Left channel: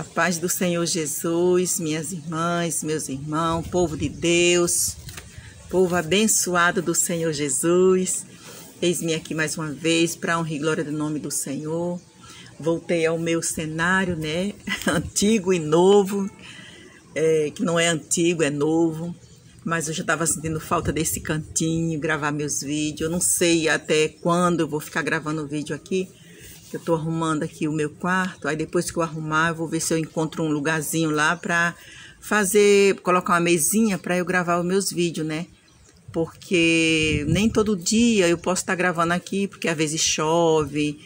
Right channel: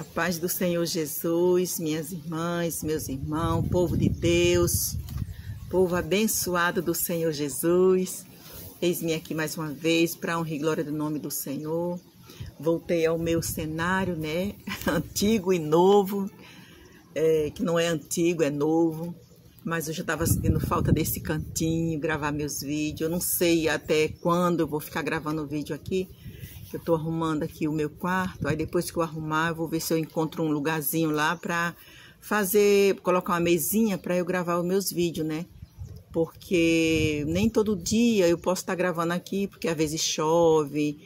A paz do Senhor Jesus, minhas irmãs, meus irmãos, povo de Deus, povo abençoado do Senhor Jesus. Eis-me aqui mais uma vez para honra e glória do nome do Senhor. Voltei ao meu cenário, né? Antigo e novo, que não é antigo, é novo. Mas eu já estava sentindo falta desse cantinho, gravar meus vídeos. Eu não sei até quando eu vou ficar gravando o vídeo aqui. Eu tô arrumando aqui o meu quarto, aí depois que eu arrumar, eu vou ver se eu encontro um lugarzinho lá pra colocar uma mesinha pra eu gravar os meus vídeos, né? Porque nem todo dia eu posso estar gravando aqui, porque às vezes chove,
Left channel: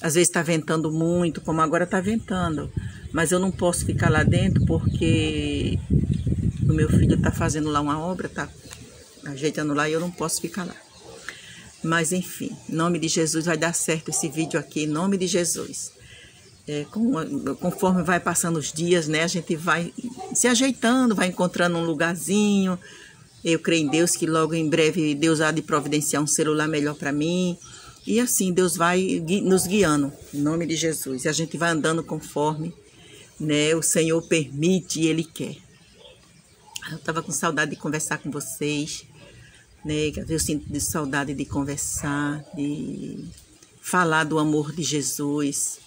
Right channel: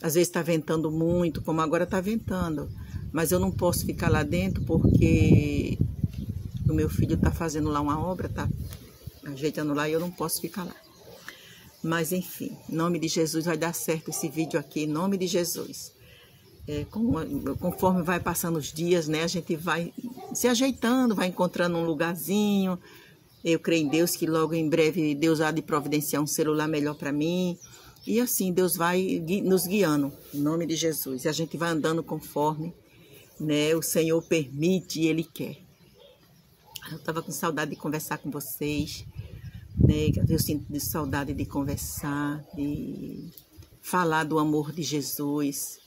às vezes tá ventando muito, como agora tá ventando. Mas eu não posso ficar lá dentro porque o meu filho tá fazendo lá uma obra, tá ajeitando lá e eu não posso ficar lá. Mas enfim, em nome de Jesus vai dar certo esse vídeo aqui, em nome de Jesus. Conforme vai passando os dias, né, a gente vai se ajeitando, vai encontrando um lugarzinho. Eu creio em Deus que logo em breve Deus há de providenciar um celular melhor para mim. E assim, Deus vai nos guiando, em nome de Jesus. E a gente vai andando conforme, né, o Senhor permite e Ele quer. Eu estava com saudade de conversar com vocês. Eu sinto de saudade de conversar, de falar do amor de Jesus,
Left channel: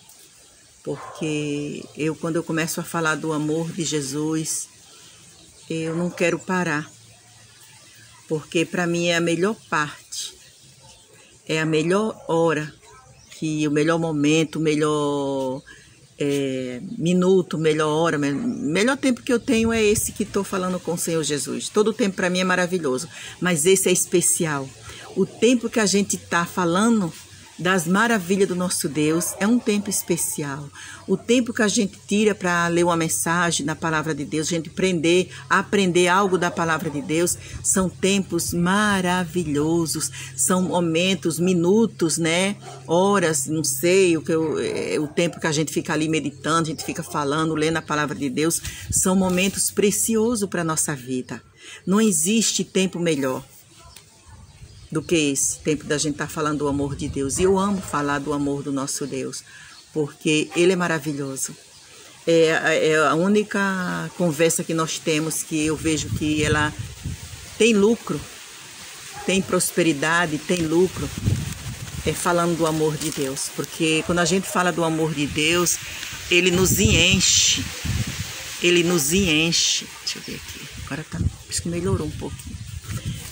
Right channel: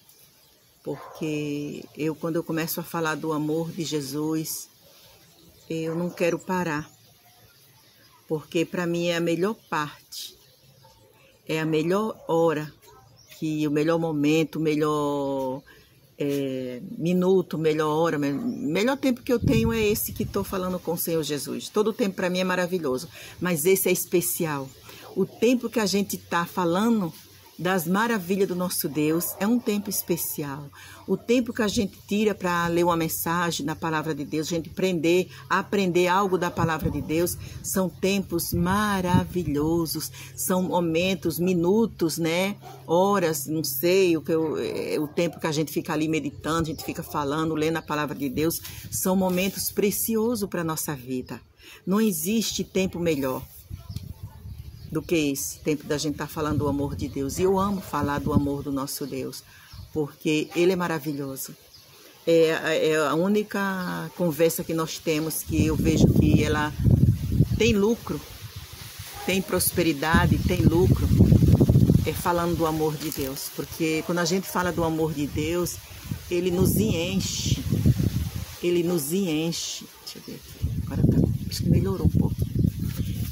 porque quando eu começo a falar do amor de Jesus, eu não quero parar, porque para mim é a melhor parte, é a melhor hora, o melhor momento, o melhor minuto, melhor hora, melhor tempo que eu tenho é esse que estou falando com o Senhor Jesus. Todo o tempo para mim é maravilhoso, mas esse é especial. O tempo que a gente está falando das maravilhas do nosso Deus é um tempo especial. O tempo que a gente tira para ler uma mensagem na palavra de Deus, a gente aprender algo da palavra de Deus, são tempos maravilhosos, são momentos, minutos, né? Horas, não sei, o tempo que a gente fica ali meditando, a gente fica falando, lendo a palavra de Deus, são momentos preciosos para a nossa vida. Não existe tempo melhor do que esse tempo da gente estar falando do amor de Deus. E eu amo falar do amor do nosso Deus, porque Ele é maravilhoso. É a única conversa que nós temos que eu vejo que ela tem lucro, tem prosperidade, tem lucro, falando do amor de Deus. Porque quando a gente fala do amor de Deus, Ele nos enche. Ele nos enche. Deixa eu ver aqui. Agora tá, acho que melhorou um pouco.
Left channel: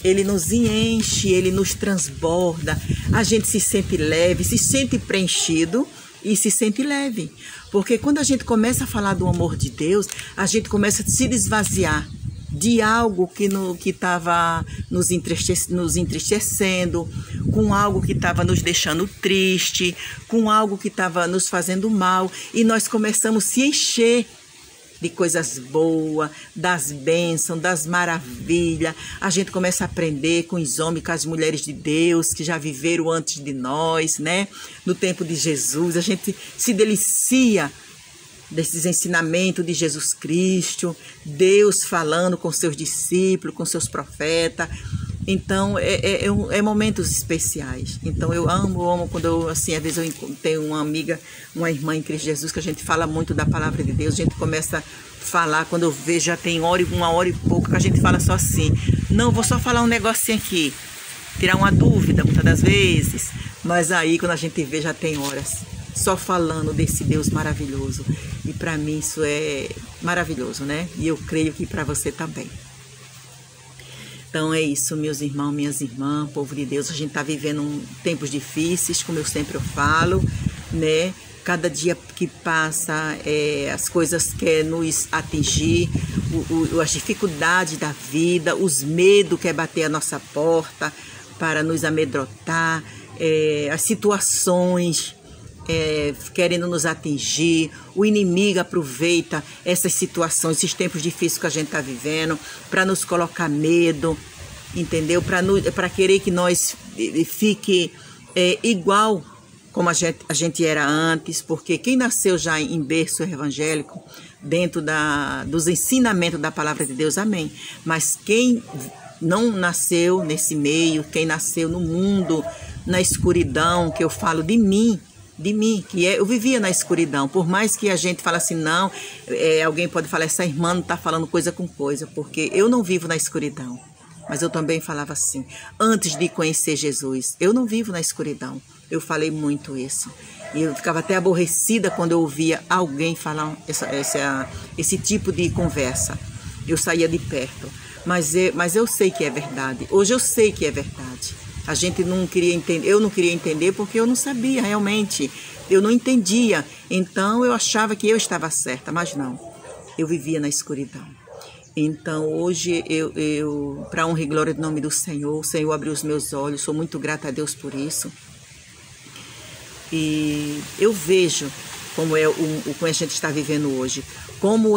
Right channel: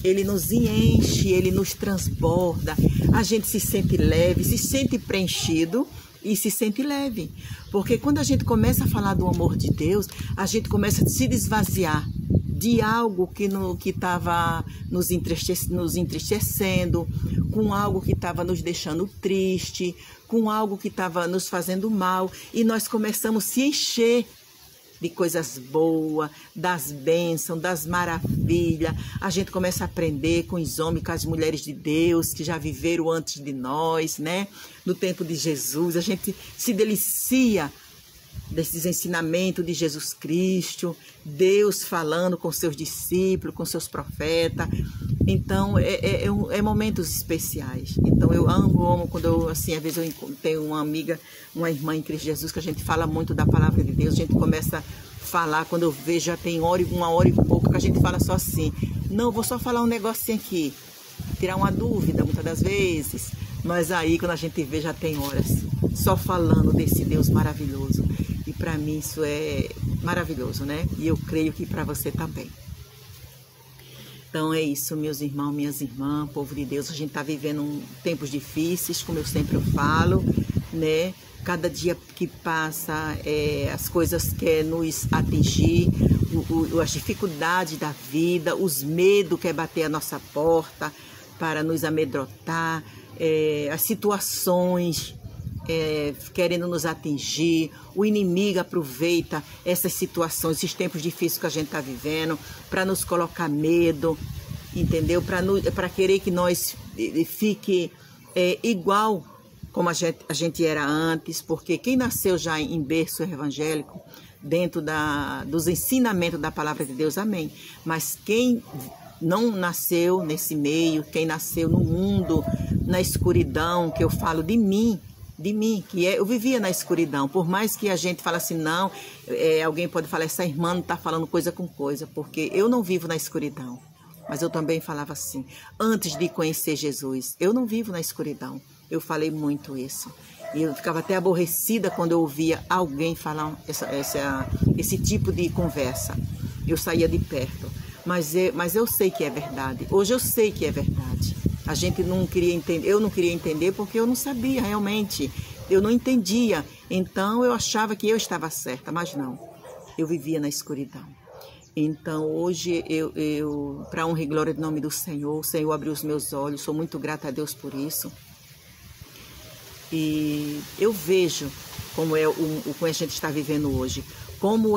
Ele nos enche, Ele nos transborda, a gente se sente leve, se sente preenchido e se sente leve. Porque quando a gente começa a falar do amor de Deus, a gente começa a se desvaziar de algo que estava nos entristecendo, com algo que estava nos deixando triste, com algo que estava nos fazendo mal, e nós começamos a se encher de coisas boas, das bênçãos, das maravilhas. A gente começa a aprender com os homens, com as mulheres de Deus que já viveram antes de nós, né? No tempo de Jesus, a gente se delicia desses ensinamentos de Jesus Cristo, Deus falando com seus discípulos, com seus profetas. Então, é momentos especiais. Então, eu amo quando eu, assim, às vezes eu tenho uma amiga, uma irmã em Cristo Jesus, que a gente fala muito da palavra de Deus, a gente começa a falar, quando eu vejo, já tem uma hora e pouco, que a gente fala só assim, não, vou só falar um negocinho aqui, tirar uma dúvida, muitas das vezes, mas aí, quando a gente vê, já tem horas, só falando desse Deus maravilhoso. E para mim isso é maravilhoso, né? E eu creio que para você também. Então é isso, meus irmãos, minhas irmãs, povo de Deus. A gente está vivendo tempos difíceis, como eu sempre falo, né? Cada dia que passa, as coisas querem nos atingir, as dificuldades da vida, os medos que bater a nossa porta para nos amedrontar, as situações querendo nos atingir. O inimigo aproveita essas situações, esses tempos difíceis que a gente está vivendo, para nos colocar medo, entendeu? Para querer que nós fique igual como a gente era antes, porque quem nasceu já em berço evangélico, dentro dos ensinamentos da palavra de Deus, amém. Mas quem não nasceu nesse meio, quem nasceu no mundo, na escuridão, que eu falo de mim, de mim, eu vivia na escuridão. Por mais que a gente fale assim, não, alguém pode falar, essa irmã não está falando coisa com coisa, porque eu não vivo na escuridão. Mas eu também falava assim, antes de conhecer Jesus, eu não vivo na escuridão. Eu falei muito isso. E eu ficava até aborrecida quando eu ouvia alguém falar esse tipo de conversa. Eu saía de perto. Mas eu sei que é verdade. Hoje eu sei que é verdade. A gente não queria entender, eu não queria entender porque eu não sabia realmente. Eu não entendia. Então eu achava que eu estava certa, mas não. Eu vivia na escuridão. Então hoje para honra e glória do nome do Senhor, o Senhor abriu os meus olhos, sou muito grata a Deus por isso. E eu vejo como como a gente está vivendo hoje, como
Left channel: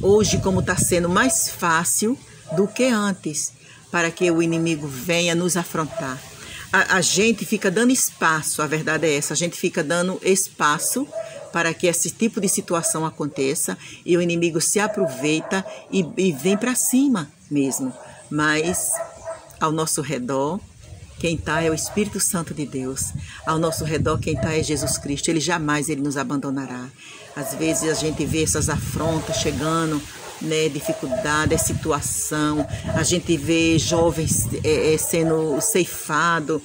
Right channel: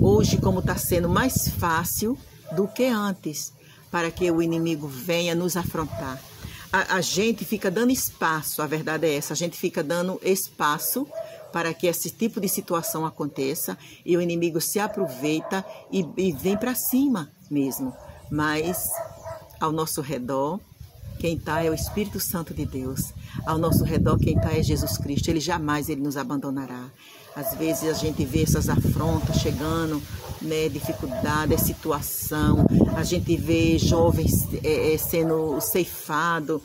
hoje como está sendo mais fácil do que antes para que o inimigo venha nos afrontar. A gente fica dando espaço, a verdade é essa, a gente fica dando espaço para que esse tipo de situação aconteça e o inimigo se aproveita e vem para cima mesmo. Mas ao nosso redor, quem está é o Espírito Santo de Deus. Ao nosso redor, quem está é Jesus Cristo. Ele jamais nos abandonará. Às vezes a gente vê essas afrontas chegando, né, dificuldade, situação. A gente vê jovens sendo ceifados.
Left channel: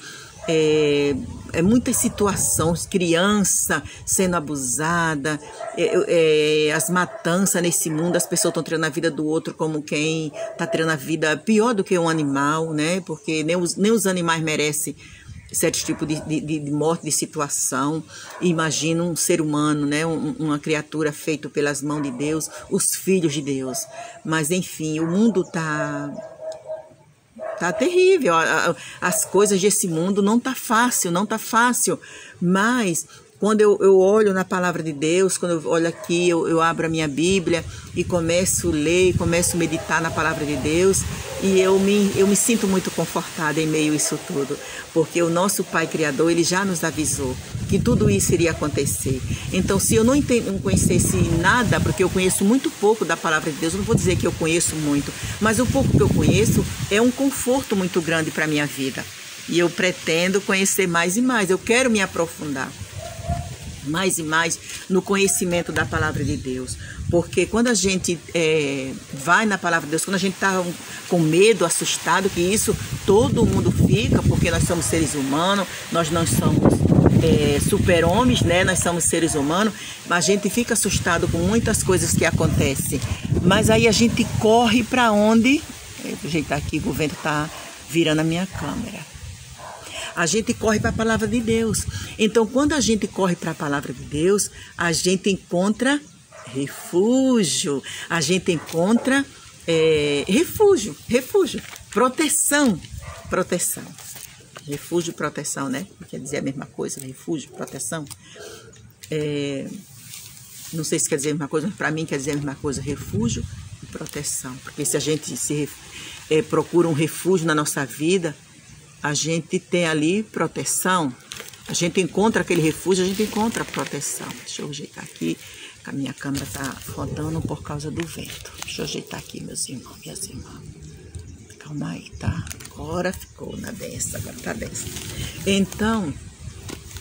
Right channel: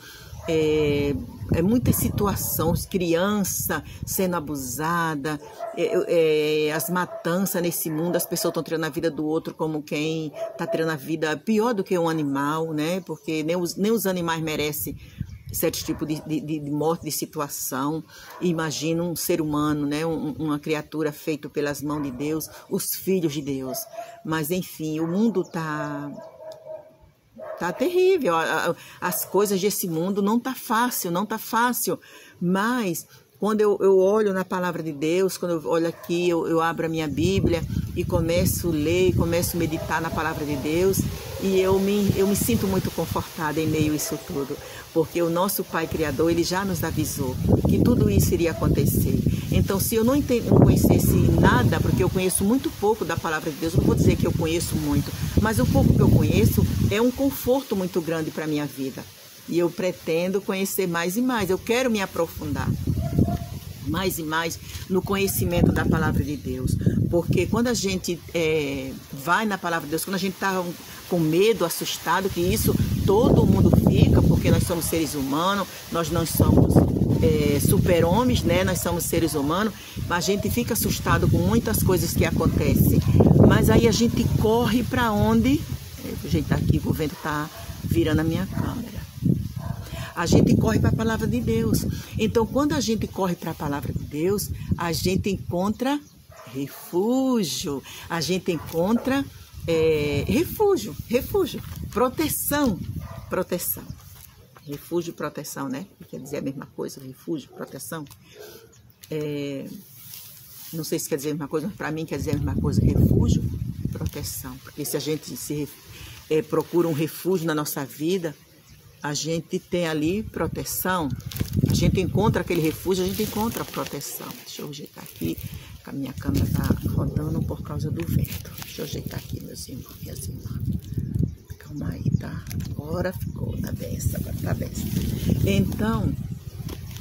Muitas situações, criança sendo abusada, as matanças nesse mundo, as pessoas estão tirando a vida do outro como quem está tirando a vida pior do que um animal, né? Porque nem os animais merecem certo tipo de morte, de situação. Imagina um ser humano, né? Uma criatura feita pelas mãos de Deus, os filhos de Deus. Mas enfim, o mundo tá terrível, as coisas desse mundo não tá fácil, mas quando eu olho na palavra de Deus, quando eu olho aqui, eu abro a minha Bíblia e começo a ler, começo a meditar na palavra de Deus e eu me sinto muito confortada em meio a isso tudo, porque o nosso Pai Criador, Ele já nos avisou que tudo isso iria acontecer. Então, se eu não conhecesse nada, porque eu conheço muito pouco da palavra de Deus, não vou dizer que eu conheço muito, mas o pouco que eu conheço é um conforto muito grande para a minha vida. E eu pretendo conhecer mais e mais, eu quero me aprofundar mais e mais no conhecimento da palavra de Deus, porque quando a gente vai na palavra de Deus, quando a gente está com medo, assustado, que isso todo mundo fica, porque nós somos seres humanos, nós não somos super-homens, né? Nós somos seres humanos, mas a gente fica assustado com muitas coisas que acontecem, mas aí a gente corre para onde? A gente está aqui, o vento está virando a minha câmera. A gente corre para a palavra de Deus. Então, quando a gente corre para a palavra de Deus, a gente encontra refúgio. A gente encontra refúgio, proteção. Refúgio, proteção, né? Quer dizer a mesma coisa, refúgio, proteção. Não sei se quer dizer a mesma coisa, mas para mim quer dizer a mesma coisa, refúgio, proteção. Porque se a gente procura um refúgio na nossa vida, a gente tem ali proteção, a gente encontra aquele refúgio, a gente encontra proteção. Deixa eu ajeitar aqui, que a minha câmera está rodando por causa do vento. Deixa eu ajeitar aqui, meus irmãos, minhas irmãs. Calma aí, tá? Agora ficou na benção, agora tá benção. Então,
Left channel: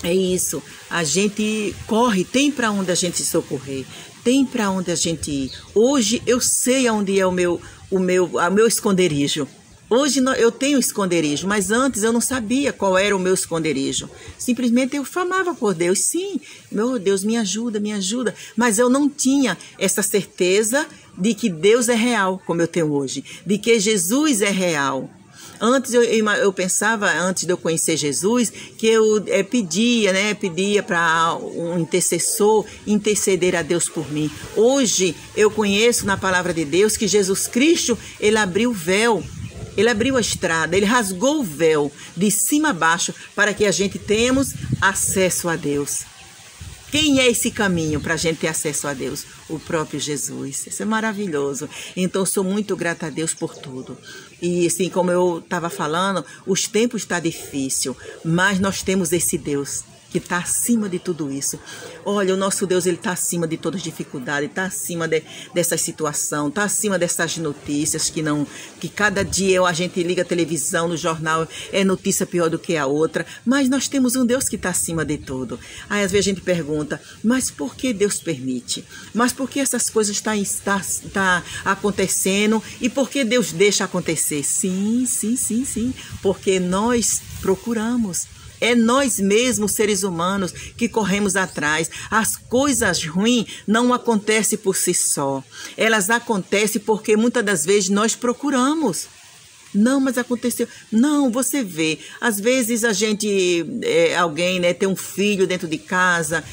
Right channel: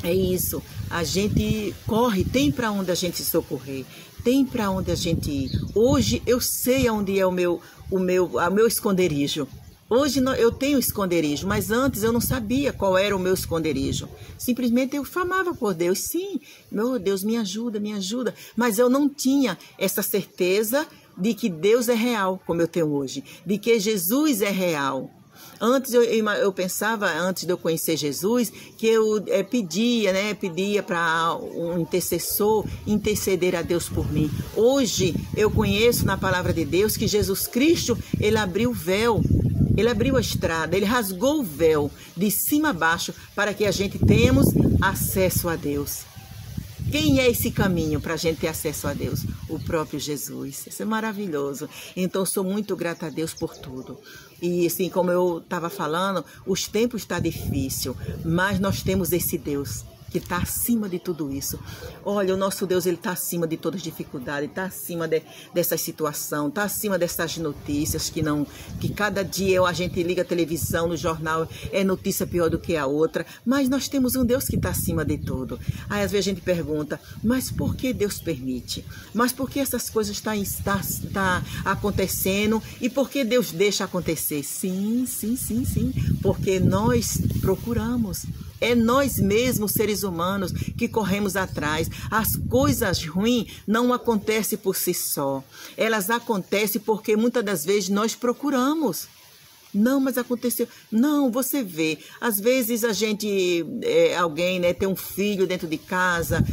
é isso. A gente corre, tem para onde a gente se socorrer, tem para onde a gente ir. Hoje eu sei onde é o meu esconderijo. Hoje eu tenho esconderijo, mas antes eu não sabia qual era o meu esconderijo. Simplesmente eu clamava por Deus, sim, meu Deus, me ajuda, mas eu não tinha essa certeza de que Deus é real, como eu tenho hoje, de que Jesus é real. Antes eu pensava, antes de eu conhecer Jesus, que eu pedia para um intercessor interceder a Deus por mim. Hoje eu conheço na palavra de Deus que Jesus Cristo, Ele abriu o véu, Ele abriu a estrada, Ele rasgou o véu de cima a baixo para que a gente tenhamos acesso a Deus. Quem é esse caminho para a gente ter acesso a Deus? O próprio Jesus. Isso é maravilhoso. Então, sou muito grata a Deus por tudo. E assim, como eu estava falando, os tempos estão difíceis, mas nós temos esse Deus. que está acima de tudo isso. Olha, o nosso Deus, ele está acima de todas as dificuldades, está acima dessa situação, está acima dessas notícias que cada dia a gente liga a televisão, no jornal, é notícia pior do que a outra, mas nós temos um Deus que está acima de tudo. Aí às vezes a gente pergunta, mas por que Deus permite? Mas por que essas coisas estão acontecendo e por que Deus deixa acontecer? Sim, porque nós procuramos. É nós mesmos, seres humanos, que corremos atrás. As coisas ruins não acontecem por si só. Elas acontecem porque muitas das vezes nós procuramos. Não, mas aconteceu. Não, você vê. Às vezes a gente, alguém, né, tem um filho dentro de casa,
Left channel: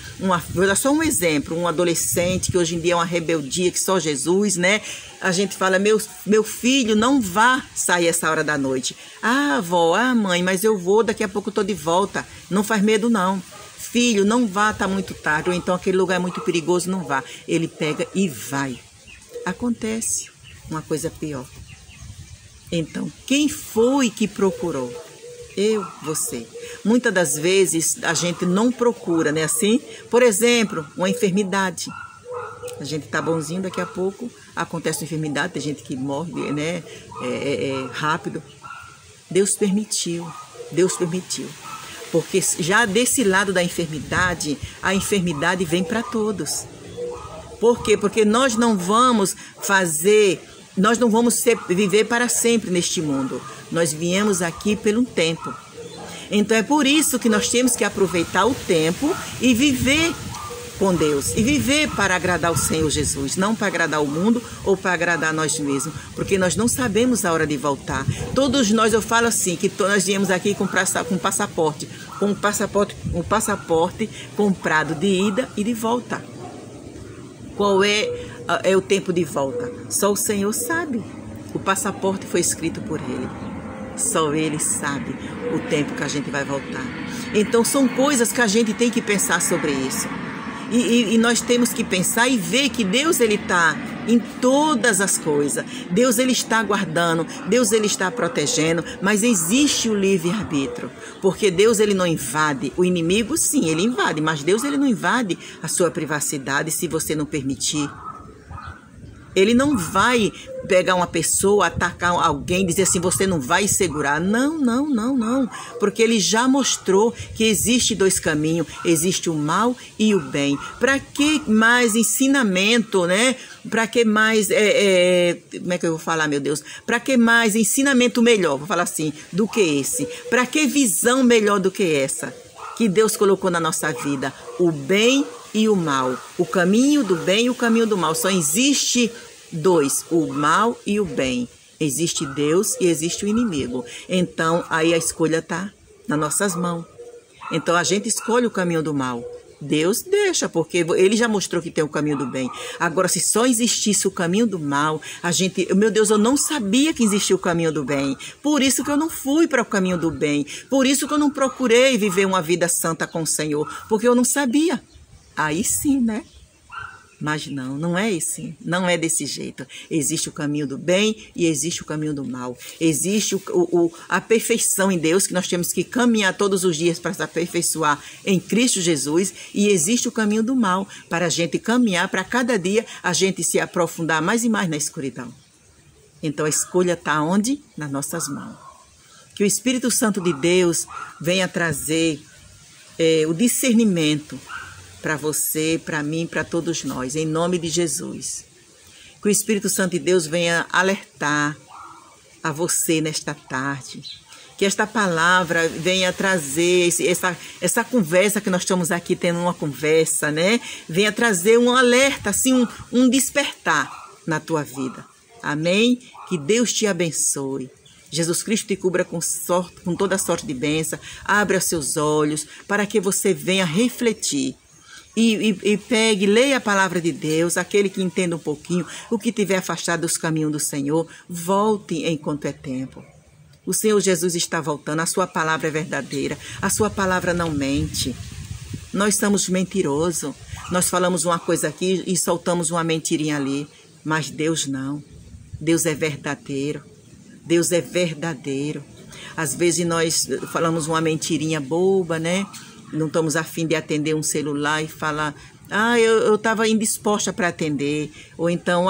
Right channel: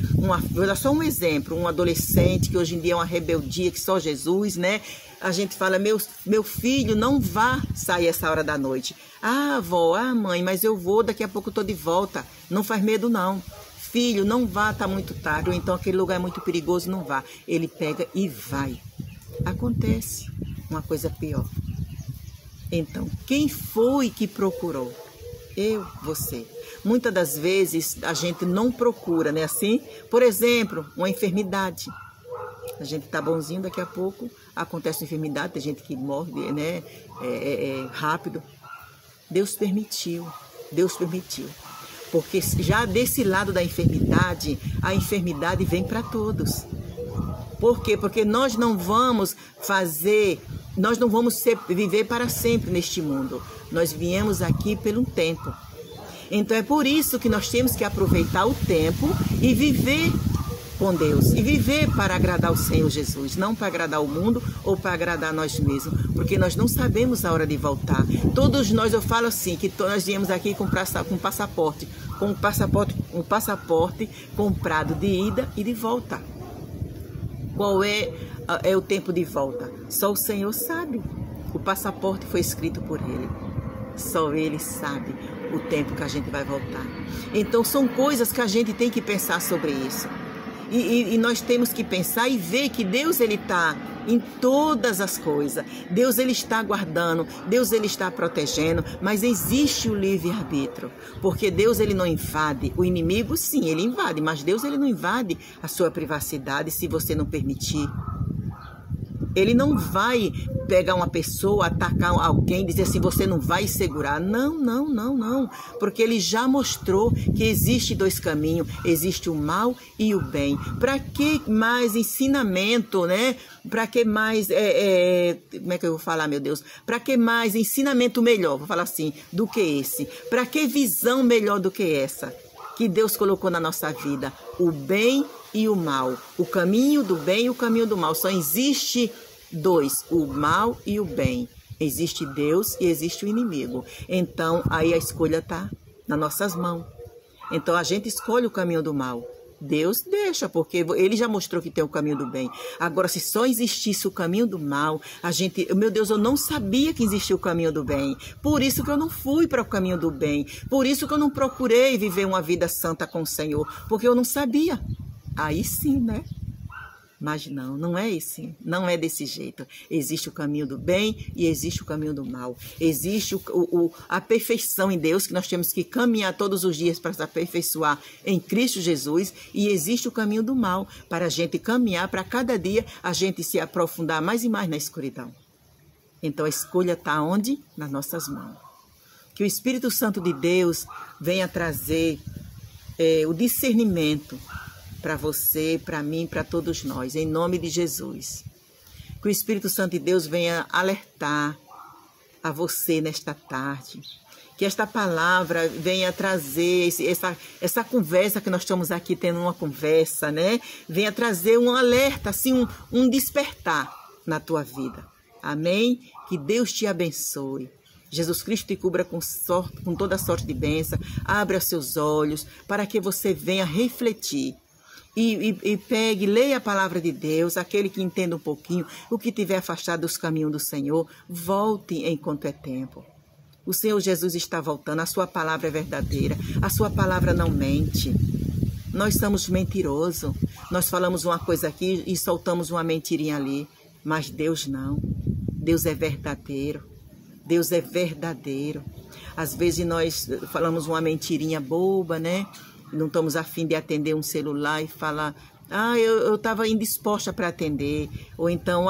vou dar só um exemplo, um adolescente que hoje em dia é uma rebeldia que só Jesus, né? A gente fala, meu filho, não vá sair essa hora da noite. Ah, avó, ah, mãe, mas eu vou, daqui a pouco eu tô de volta. Não faz medo, não. Filho, não vá, tá muito tarde, ou então aquele lugar é muito perigoso, não vá. Ele pega e vai. Acontece uma coisa pior. Então, quem foi que procurou? Eu, você. Muitas das vezes a gente não procura, né? Assim, por exemplo, uma enfermidade. A gente tá bonzinho, daqui a pouco acontece uma enfermidade, tem gente que morre, né? Rápido. Deus permitiu. Porque já desse lado da enfermidade, a enfermidade vem para todos. Por quê? Porque nós não vamos viver para sempre neste mundo. Nós viemos aqui pelo tempo. Então é por isso que nós temos que aproveitar o tempo e viver com Deus. E viver para agradar o Senhor Jesus. Não para agradar o mundo ou para agradar nós mesmos. Porque nós não sabemos a hora de voltar. Todos nós, eu falo assim, que nós viemos aqui com passaporte. Um passaporte comprado de ida e de volta. Qual é o tempo de volta? Só o Senhor sabe. O passaporte foi escrito por Ele. Só Ele sabe o tempo que a gente vai voltar. Então são coisas que a gente tem que pensar sobre isso. E nós temos que pensar e ver que Deus, Ele está em todas as coisas. Deus, Ele está guardando. Deus, Ele está protegendo. Mas existe o livre-arbítrio. Porque Deus, Ele não invade. O inimigo, sim, ele invade. Mas Deus, Ele não invade a sua privacidade se você não permitir. Ele não vai pegar uma pessoa, atacar alguém, dizer assim, você não vai segurar. Não. Porque Ele já mostrou que existe dois caminhos. Existe o mal e o bem. Para que mais ensinamento, né? Para que mais, como é que eu vou falar, meu Deus? Para que mais ensinamento melhor, vou falar assim, do que esse? Para que visão melhor do que essa? Que Deus colocou na nossa vida. O bem e o mal. O caminho do bem e o caminho do mal. Só existe dois, o mal e o bem. Existe Deus e existe o inimigo. Então, aí a escolha está nas nossas mãos. Então, a gente escolhe o caminho do mal. Deus deixa, porque Ele já mostrou que tem o caminho do bem. Agora, se só existisse o caminho do mal, meu Deus, eu não sabia que existia o caminho do bem. Por isso que eu não fui para o caminho do bem. Por isso que eu não procurei viver uma vida santa com o Senhor, porque eu não sabia. Aí sim, né? Mas não é assim, não é desse jeito. Existe o caminho do bem e existe o caminho do mal. Existe a perfeição em Deus, que nós temos que caminhar todos os dias para se aperfeiçoar em Cristo Jesus. E existe o caminho do mal, para a gente caminhar, para cada dia a gente se aprofundar mais e mais na escuridão. Então a escolha está onde? Nas nossas mãos. Que o Espírito Santo de Deus venha trazer o discernimento para você, para mim, para todos nós, em nome de Jesus. Que o Espírito Santo de Deus venha alertar a você nesta tarde. Que esta palavra venha trazer essa conversa que nós estamos aqui tendo uma conversa, né? Venha trazer um alerta, assim, um despertar na tua vida. Amém? Que Deus te abençoe. Jesus Cristo te cubra com toda sorte de bênção. Abra seus olhos para que você venha refletir. E pegue, leia a palavra de Deus, aquele que entenda um pouquinho, o que tiver afastado dos caminhos do Senhor, volte enquanto é tempo. O Senhor Jesus está voltando, a sua palavra é verdadeira, a sua palavra não mente. Nós somos mentirosos, nós falamos uma coisa aqui e soltamos uma mentirinha ali, mas Deus não. Deus é verdadeiro, Deus é verdadeiro. Às vezes nós falamos uma mentirinha boba, né? não estamos a fim de atender um celular e falar: ah, eu estava indisposta para atender. Ou então,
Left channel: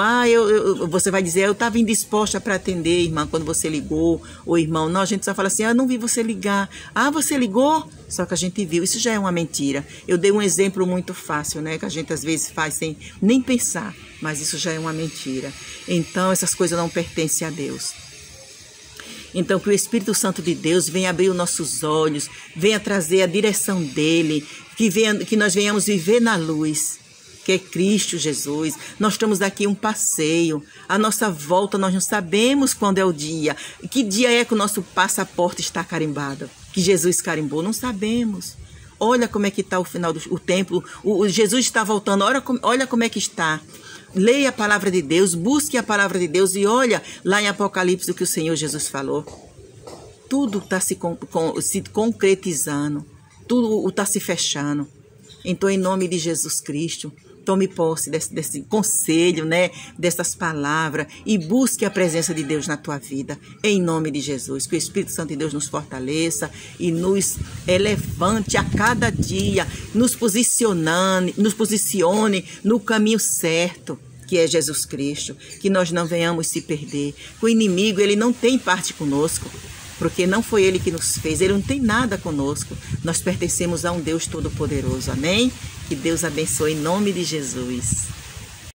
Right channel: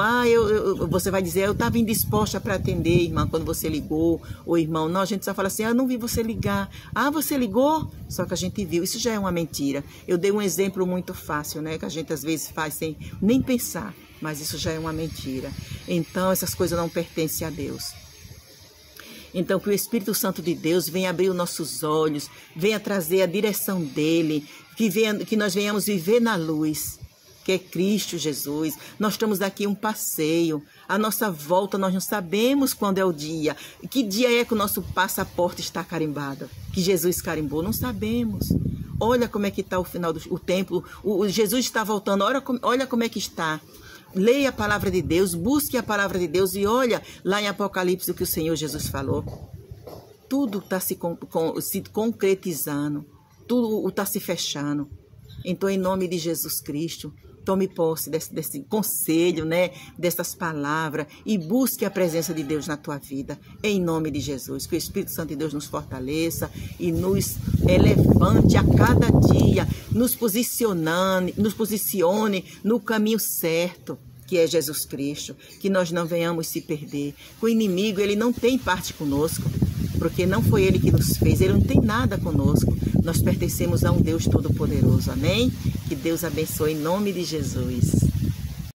você vai dizer: eu estava indisposta para atender, irmã, quando você ligou. Ou irmão, não, a gente só fala assim: não vi você ligar. Você ligou? Só que a gente viu. Isso já é uma mentira. Eu dei um exemplo muito fácil, né? Que a gente às vezes faz sem nem pensar. Mas isso já é uma mentira. Então, essas coisas não pertencem a Deus. Então, que o Espírito Santo de Deus venha abrir os nossos olhos, venha trazer a direção dele, que nós venhamos viver na luz, que é Cristo Jesus. Nós estamos daqui um passeio, a nossa volta nós não sabemos quando é o dia. Que dia é que o nosso passaporte está carimbado? Que Jesus carimbou? Não sabemos. Olha como é que está o final do templo, Jesus está voltando, olha como é que está. Leia a palavra de Deus, busque a palavra de Deus e olha lá em Apocalipse o que o Senhor Jesus falou. Tudo está se concretizando, tudo está se fechando. Então, em nome de Jesus Cristo, tome posse desse conselho, né? Dessas palavras e busque a presença de Deus na tua vida. Em nome de Jesus, que o Espírito Santo de Deus nos fortaleça e nos levante a cada dia, nos posicione no caminho certo, que é Jesus Cristo, que nós não venhamos se perder. O inimigo, ele não tem parte conosco, porque não foi ele que nos fez, ele não tem nada conosco. Nós pertencemos a um Deus Todo-Poderoso, amém? Que Deus abençoe em nome de Jesus.